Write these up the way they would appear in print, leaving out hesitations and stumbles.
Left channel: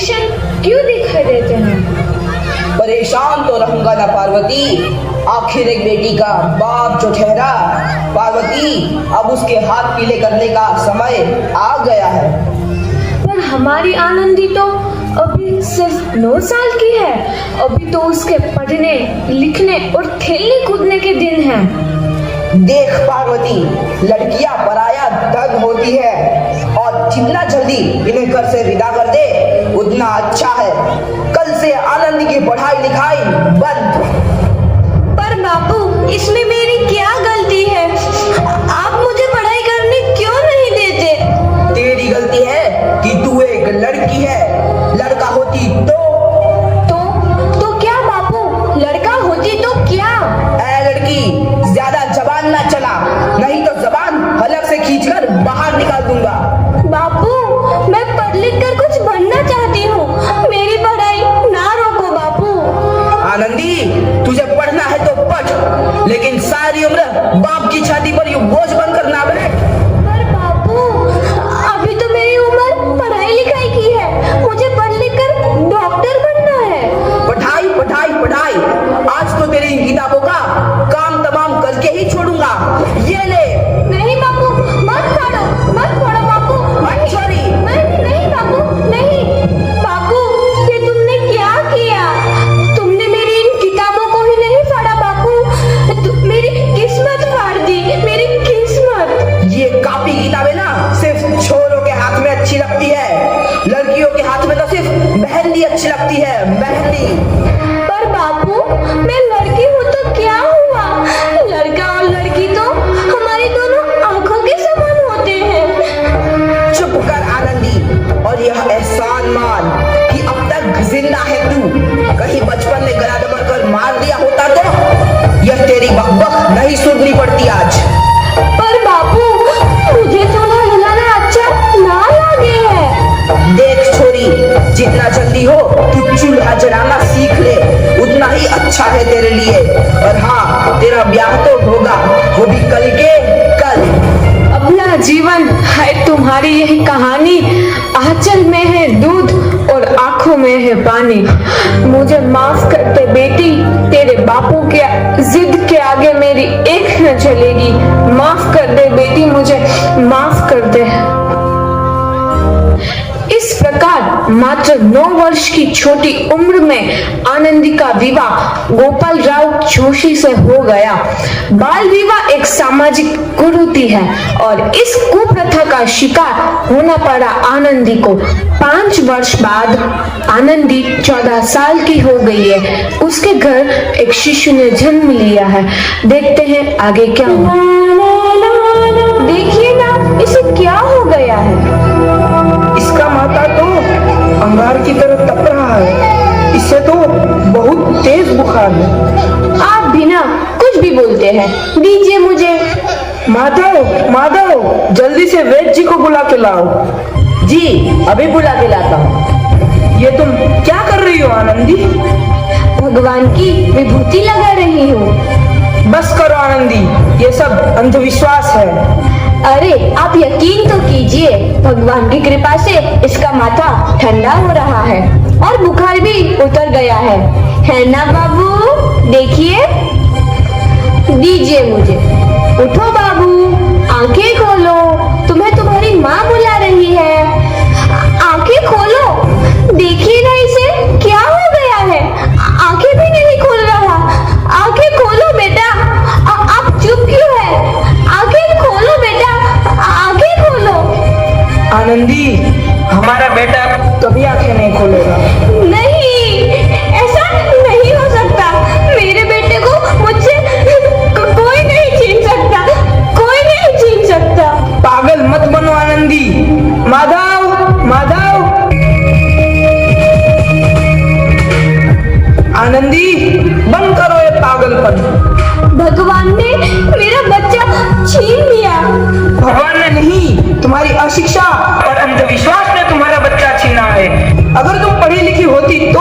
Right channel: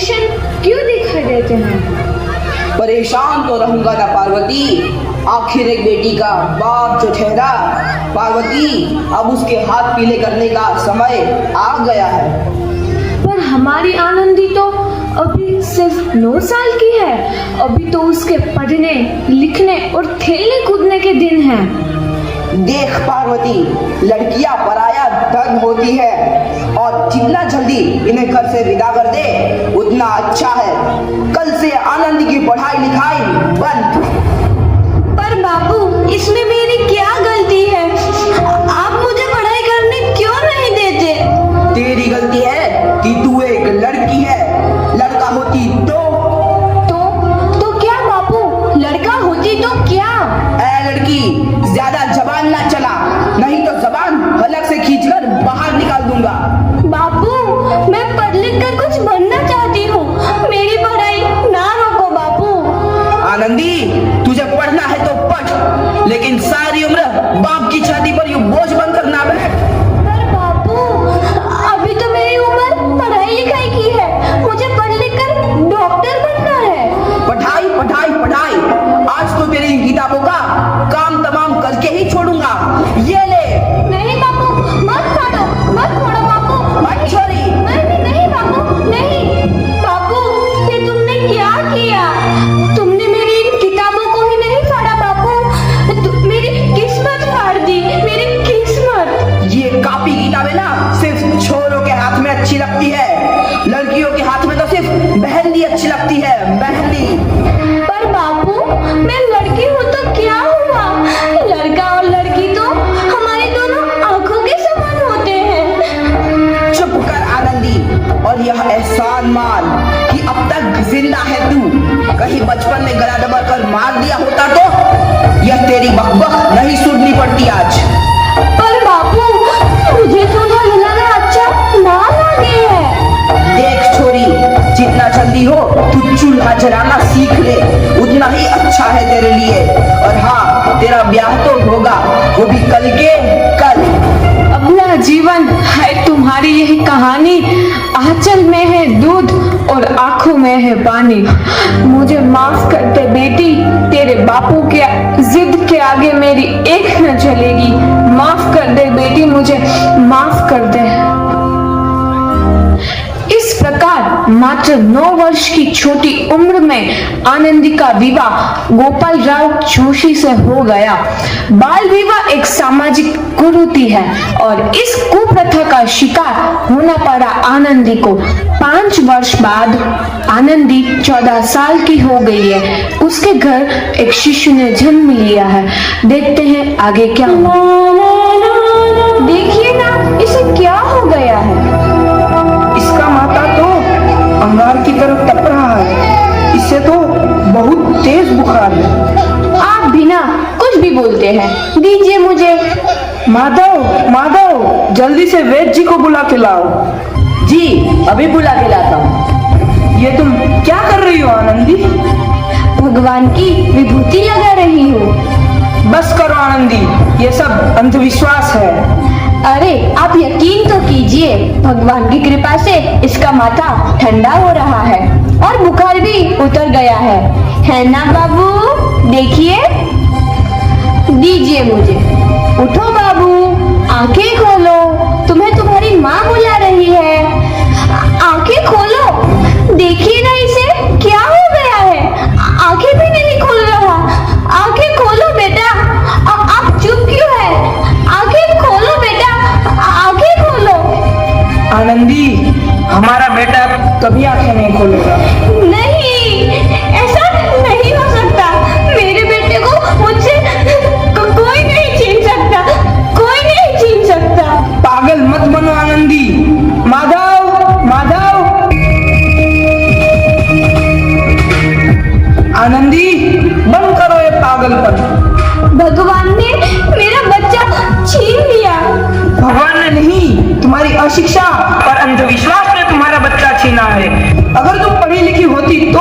परेशान क्यों दिखाई देते हैं? परेशान तो रहूंगा ना पार्वती, आखिर एक बेटी का बाप जो ठहरा। पार्वती, अब उसके हाथ पीले करने का समय आ गया है। पर हमारी आनंदी तो अभी सिर्फ 9 साल की है। अभी तो उसके पढ़ने लिखने और खेलने कूदने के दिन हैं। देख पार्वती, लड़कियां पराया धन होती है और जितना जल्दी इन्हें घर से विदा कर दे उतना अच्छा है। कल से आनंद की पढ़ाई लिखाई बंद। पर बापू, इसमें मेरी क्या गलती है? आप मुझे पढ़ाई करने क्यों नहीं देते? तेरी गलती है कि तू एक लड़की है। लड़का होती तो क्या बापू? लड़का होती तो क्या? ऐ लड़की, ज्यादा जबान ना चला, नहीं तो जबान हलक से खींचकर बाहर निकाल दूंगा। बापू, मैं पढ़ लिख कर कुछ बनना चाहती हूँ। मेरी पढ़ाई ना रोको बापू। आनंदी, तुझे पढ़ना है तो पढ़, लेकिन सारी उम्र बाप की छाती पर यूं बोझ बनकर ना बैठ। पर बापू, अभी तो मेरी उम्र पढ़ाई लिखाई की है। मुझे पढ़ लिख कर डॉक्टर बनना है। पढ़ाई पढ़ाई पढ़ाई, आज तो तेरी इन किताबों का काम तमाम करके ही छोड़ूंगा। ये ले। नहीं बापू, मत फोड़ो बापू। छोरी। नहीं बापू, नहीं। बापू, ये तुमने क्या किया? तुमने मेरी इन किताबों को ही नहीं फाड़ा बापू, मेरी किस्मत फाड़ दी, मेरी किस्मत। ये कॉपी किताबें ना सिर्फ छोरों के हाथ में अच्छी लगती है, लड़कियों के हाथ में तो सिर्फ मेहंदी अच्छी लगती है, मेहंदी। पर बापू, मैं लड़की हूँ तो क्या हुआ? लड़का और लड़की तो हमारी दोनों आंखों के समान होते हैं। चुप कर आनंदी, और यह एहसान मान कि अब तक जिंदा है तू। कहीं बचपन में गला दबाकर मार दिया होता तो यह तेरी बकबक नहीं सुननी पड़ती आज। पर बापू, मुझे तुम्हें रुलाना अच्छा ना लगे है। देख छोरी, जितना जल्दी हो तू चूल्हा जलाना सीख ले, उतना ही अच्छा है तेरे लिए। और हाँ, तेरा ब्याह तो होगा, वो भी कल के कल। अपना जीवन है तुम्हारी यही कहानी। आंचल में है दूध और आंखों में है पानी। मुझे माफ कर दे बेटी, तेरे बापू के जिद के आगे मेरी एक न चलेगी। माफ कर दे बेटी, मुझे माफ कर दे। इस प्रकार मात्र 9 वर्ष की छोटी उम्र में आनंदी का विवाह गोपाल राव जोशी से हो गया। बाल विवाह एक सामाजिक कुरीति है और इस कुप्रथा का शिकार होना पड़ा आनंदी को। 5 वर्ष बाद आनंदी 14 साल की हो गई है। उसके घर एक शिशु ने जन्म लिया है। देखते हैं आगे क्या हुआ। देखिए ना, इसे क्या हो गया है? इसका माथा तो अंगार की तरफ तप रहा है। इससे तो बहुत तेज बुखार है। आप बिना कुछ भी बोलते हैं, दीजिए मुझे। माधव, माधव, जल्दी से वैद्य जी को बुला के लाओ। जी, अभी बुला के लाता हूँ। ये तुम क्या कर रही हो आनंदी? भगवान की विभूति लगा रही हूँ। बस करो आनंदी, ये सब अंधविश्वास है। अरे आप यकीन तो कीजिए, भगवान की कृपा से इसका माथा ठंडा हो रहा है और बुखार भी उतर गया है ना बाबू? देखिए, दीजिए मुझे। उठो बाबू, आंखें खोलो, तुम्हें तुम्हारी माँ बुला रही है। आंखें खोलो, देखिए ना इसे क्या हो गया है। आंखें भी नहीं खोल रहा। आंखें खोलो बेटा। आप चुप क्यों है? आंखें खोलो बेटा, आंखें खोलो। आनंदी, हमारा बेटा कभी आंखें नहीं खोलेगा। नहीं, ऐसा नहीं हो सकता। मेरे बेटे को मुझसे कोई नहीं छीन सकता, कोई नहीं छीन सकता। पागल मत बनो आनंदी। माधव, माधव। आनंदी, बंद करो ये पागलपन। भगवान ने मेरा बच्चा छीन लिया। भगवान ने नहीं, तुम्हारी अशिक्षा और अंधविश्वास ने तुम्हारा बच्चा छीना है। अगर तुम पढ़ी लिखी होती तो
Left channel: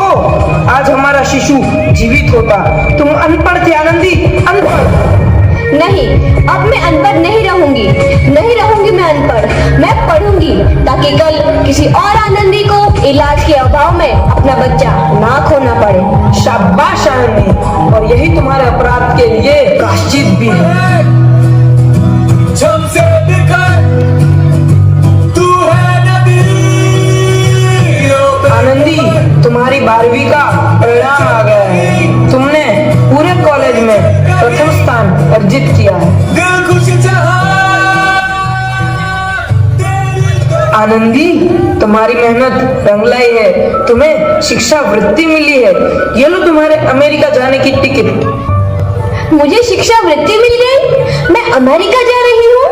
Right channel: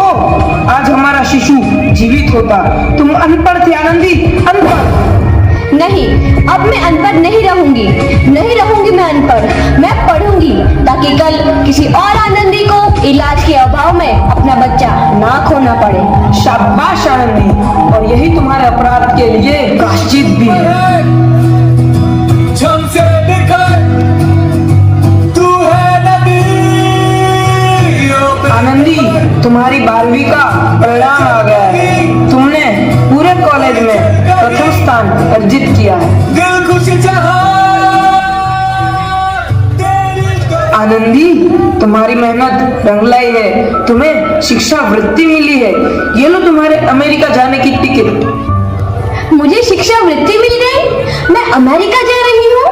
आज हमारा शिशु जीवित होता। तुम अनपढ़ थी आनंदी, अनपढ़। नहीं, अब मैं अनपढ़ नहीं रहूंगी। नहीं रहूंगी मैं अनपढ़। मैं पढ़ूंगी ताकि कल किसी और आनंदी को इलाज के अभाव आनंदी, तुम्हारी मेहनत रंग लाई है। तुम्हें शिक्षा वृत्ति मिली है। ये लो तुम्हारे अमेरिका जाने की टिकट। मुझे शिक्षा वृत्ति मिल गई, मैं अमेरिका जा रही हूँ।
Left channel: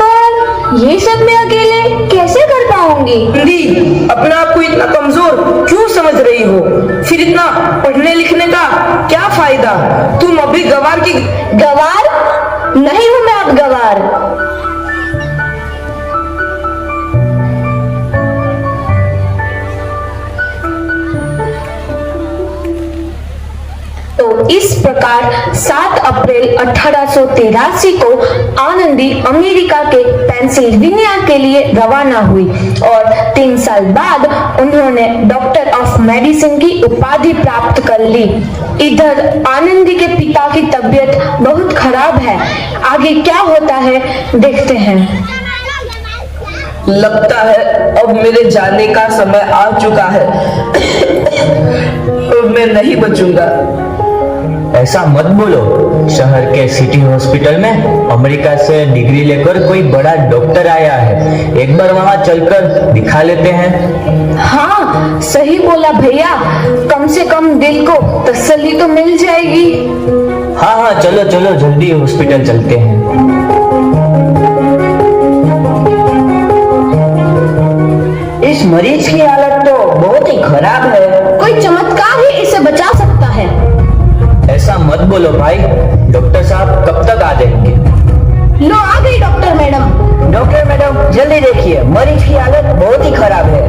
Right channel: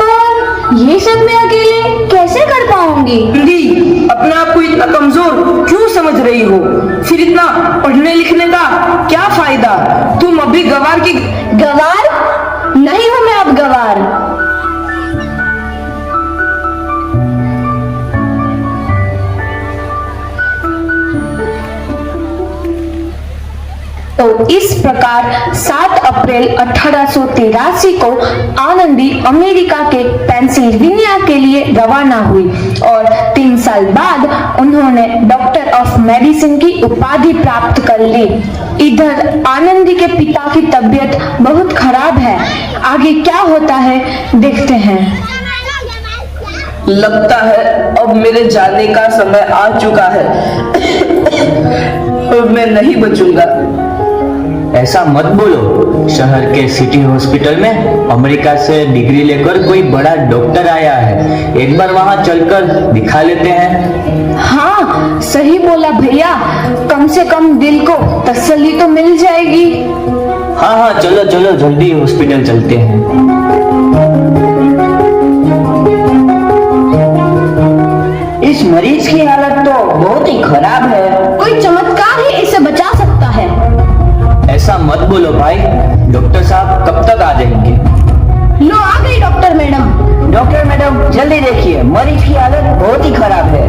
पर ये सब मैं अकेले कैसे कर पाऊंगी? आनंदी, अपने आप को इतना कमजोर क्यों समझ रही हो? फिर इतना पढ़ने लिखने का क्या फायदा? तुम अभी गंवार की गवार नहीं हूँ मैं अब गवार। तो इस प्रकार 7 अप्रैल 1883 को आनंदी अमेरिका के पेंसिल्वेनिया के लिए रवाना हुई और 3 साल बाद उन्होंने डॉक्टर ऑफ मेडिसिन की उपाधि प्राप्त कर ली। इधर आनंदी के पिता की तबीयत बहुत खराब है। आगे क्या होता है देखते हैं। लगता है अब मेरे जाने का समय आ चुका है और मैं नहीं बचूंगा। ऐसा मत बोलो। शहर के सिटी हॉस्पिटल में अमेरिका से डिग्री लेकर कोई बड़ा डॉक्टर आया है। एक बार वहां चलकर दिखा लेते हैं। हाँ सही बोला भैया, कम से कम दिल को तसल्ली तो मिल जाएगी। हाँ हाँ, चलो चलो जल्दी हॉस्पिटल चलते हैं। इस मरीज की हालत तो बहुत ही खराब है। कोई चमत्कार ही इसे बचा सकता है। ऐसा मत बोलो भाई, डॉक्टर साहब कब तक आ जाएंगे? लो आ गई डॉक्टर मैडम। डॉक्टर मैडम जल्दी देखिए, मरीज की हालत बहुत ही खराब है।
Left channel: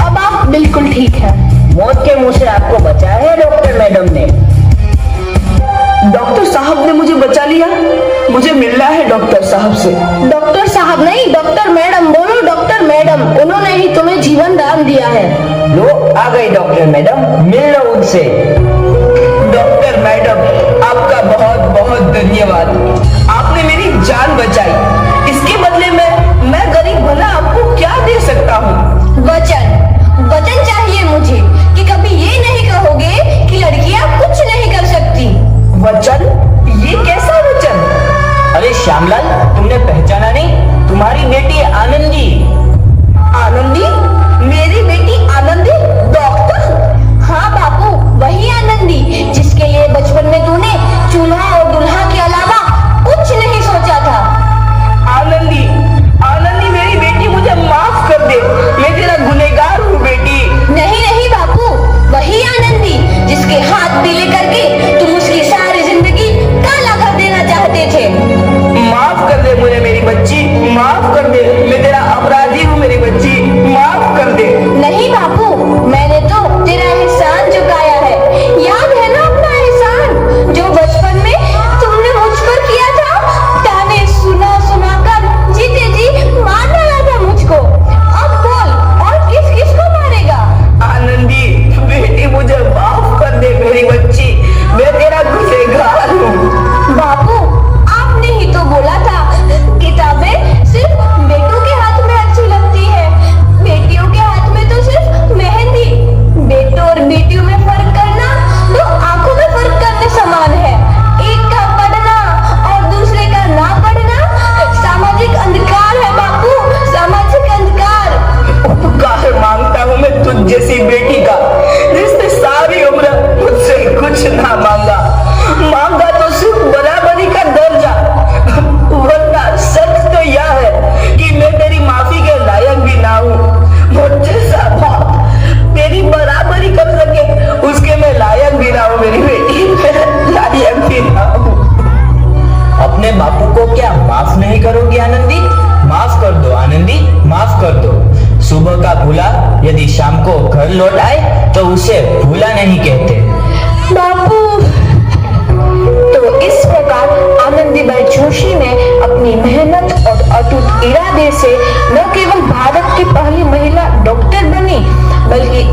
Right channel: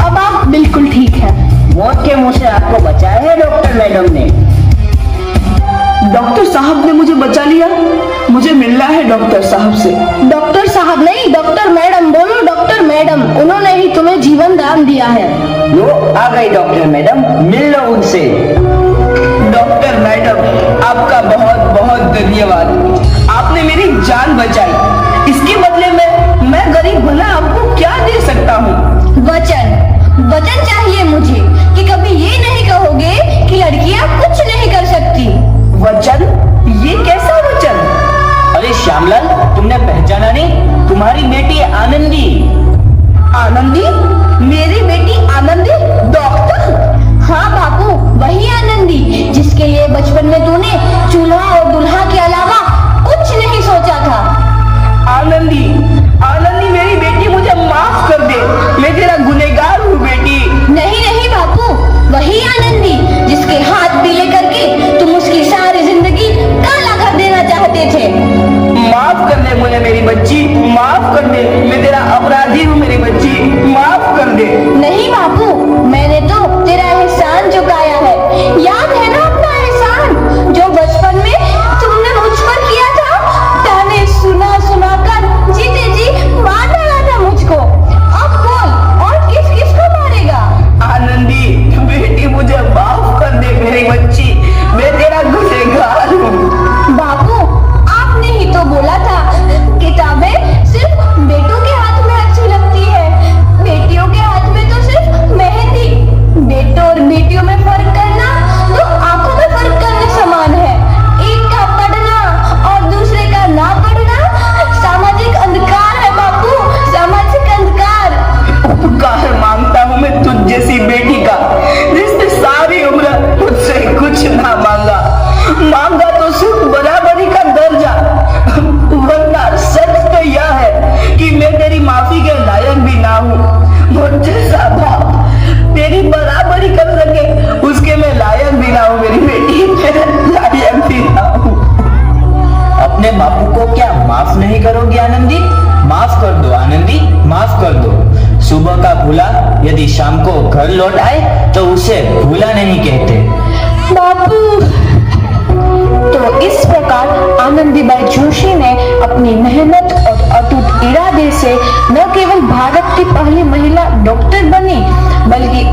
अब आप बिल्कुल ठीक है। मौत के मुंह से आपको बचाया है डॉक्टर मैडम ने। डॉक्टर साहब ने मुझे बचा लिया। मुझे मिलना है डॉक्टर साहब से। डॉक्टर साहब नहीं, डॉक्टर मैडम बोलो। डॉक्टर मैडम, उन्होंने ही तुम्हें जीवन दान दिया है। लो आ गई डॉक्टर मैडम, मिल लो उनसे। डॉक्टर मैडम आपका बहुत बहुत धन्यवाद। आपने मेरी जान बचाई। इसके बदले में मैं गरीब भला आपको क्या दे सकता हूँ? वचन वचन चाहिए मुझे कि कभी ये नहीं कहोगे कि लड़कियां कुछ नहीं कर सकती। वचन? ये कैसा वचन? अरे श्यामलाल, तुमने पहचाना नहीं? तुम्हारी बेटी आनंदी। आनंदी? मेरी बेटी आनंदी डॉक्टर? हाँ बापू, वही आनंदी जिसके लिए बचपन में तूने चूल्हा और दूल्हा के अलावा कुछ नहीं सोचा था। आनंदी, आनंदी मेरी बेटी, मुझे माफ कर दे। मैं तेरा गुनहगार हूँ बेटी। नहीं नहीं बापू, वही आनंदी जिसके हाथ पीले करके तुम उसकी सारी जिंदगी काला कर देना चाहते थे। माफ कर दे मुझे मेरी बच्ची, माफ कर दे। मैं तेरा अपराधी हूँ मेरी बच्ची, माफ कर दे। नहीं बापू, मैंने तो तेरा एहसान चुकाया है। याद है ना अपना एहसान जो बचपन में तुमने मुझ पर किया था? ताने सुना सुना कर जीते जी मार डाला था मुझको। अब बोल, और किस किस को मारेगा? आनंदी बेटी, मुझे माफ कर दे मेरी बच्ची। मैं तेरा गुनहगार हूँ। बापू, आपने ही तो बोला था किताबें सिर्फ बेटों के हाथ में अच्छी लगती है, बेटियों के हाथ में तो सिर्फ मेहंदी। बेटों और बेटियों में फर्क करना तो आंखों में फर्क करने समान है। एक का पढ़ना और दूसरे का ना पढ़ना सामाजिक अंधकार है बापू, सामाजिक अंधकार। उपकार मांगता हूँ मैं तुझ जैसी बेटी का। जिसने सारी उम्र मुझसे कुछ ना मांगा, मांगा तो सिर्फ बराबरी का दर्जा। वरना सच तो यह है कि मैं तेरी माफी के लायक भी ना हूँ। मुझ जैसा बाप तेरी बराबरी कर सके उसके मैं लायक भी ना हूँ मेरी बेटी, मैं लायक भी ना हूँ। अपने बापू को क्या माफ नहीं करोगे आनंदी? माफ कर दो आनंदी, माफ कर दो। सुबह का भूला यदि शाम को घर लौट आए तो उसे भूला नहीं कहते। बापू। तो इस प्रकार आनंदीबाई जोशी ने अपनी मेहनत और अटूट इरादे से न केवल भारत की पहली महिला डॉक्टर बनी, बल्कि